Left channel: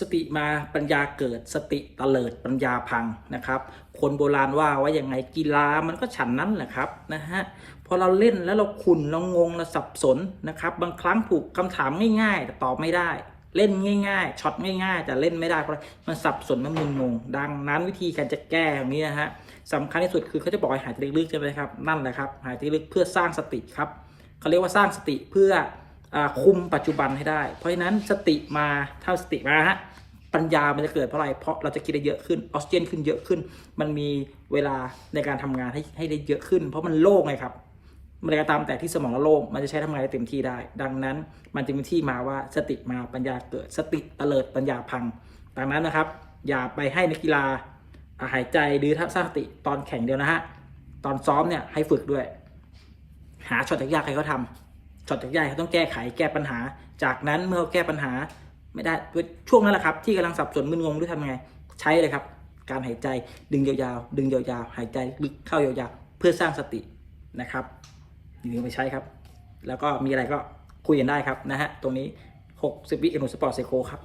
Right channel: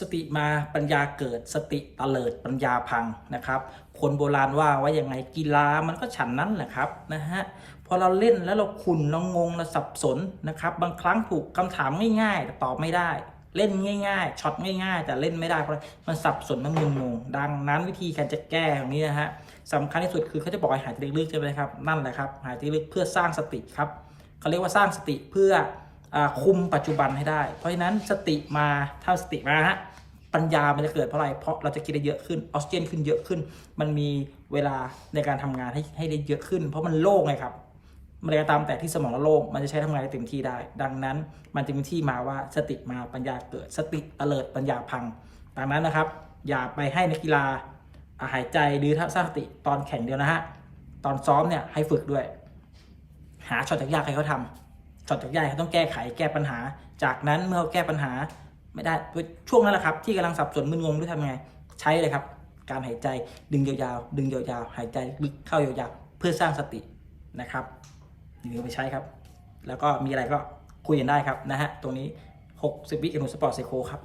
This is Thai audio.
สติมาปัญญาเกิดสติเตลิดปัญญาพังนะครับ คนโบราณว่าว่าอยังไงกีฬามันก็ฉันนั้นแหละครับนะฮะพอเราเล่นแล้วเราขุนเรางงเราสับสนนะครับ บางครั้งถูกคำถามง่ายๆแต่ตอบไม่ได้ เล่นง่ายๆช็อตง่ายๆแต่เล่นไม่ได้เพราะมันสับสนมันมึนงง ดังนั้นวิธีการจะแก้ตรงนี้นะฮะสำคัญที่สุดคือเขาจะบอกให้หายใจลึกๆใช่ไหมครับนั่นแหละครับหายใจลึกเพื่อสร้างสติครับเขาเรียกว่าสร้างสติเพื่อ คุมปัจจุบันให้ได้ เพราะฉะนั้นสติมาถ้าสติมาฮะปัญญามันจะเกิดเพราะอะไร เพราะเราจะคิดได้เยอะขึ้นออกซิเจนขึ้นเยอะขึ้น มันมีเวลาในการทำงานให้ให้ได้เยอะขึ้น เพราะมันโล่งไงครับเมื่อไรก็ตามแต่ที่สมองเราโล่งมันจะใช้ทำงานได้เต็มที่ได้ ดังนั้นมันจึงเป็นที่มาว่าสติมาปัญญาเกิด สติเตลิดปัญญาพัง ดังนั้นนะครับ อย่าไปให้นักกีฬาหายใจหรือสร้างสติตอนแข่งเดียวนะฮะตอนซ้อมเนี่ยให้ฝึกด้วย หาช็อตยากๆให้เขาทำ ช็อตจากๆเขาต้องแก้ไขแก้ปัญหา จากนั้นเมื่อเขาแก้ปัญหาไม่ได้ด้วยช่วงนั้นแหละครับ ที่กำลังสับสนมึนงงด้วยทำไง ใช้เลยครับ การหายใจดึงยาวๆ ดึงยาวๆ หายใจลึกเข้ายาวๆ เพื่อสร้างสตินะครับอย่าลืมไปใช้ครับ แล้วก็มีอะไรก็คุยกันได้ครับนะฮะตรงนี้ 60 วิเอนุสปอร์ตเซโคครับ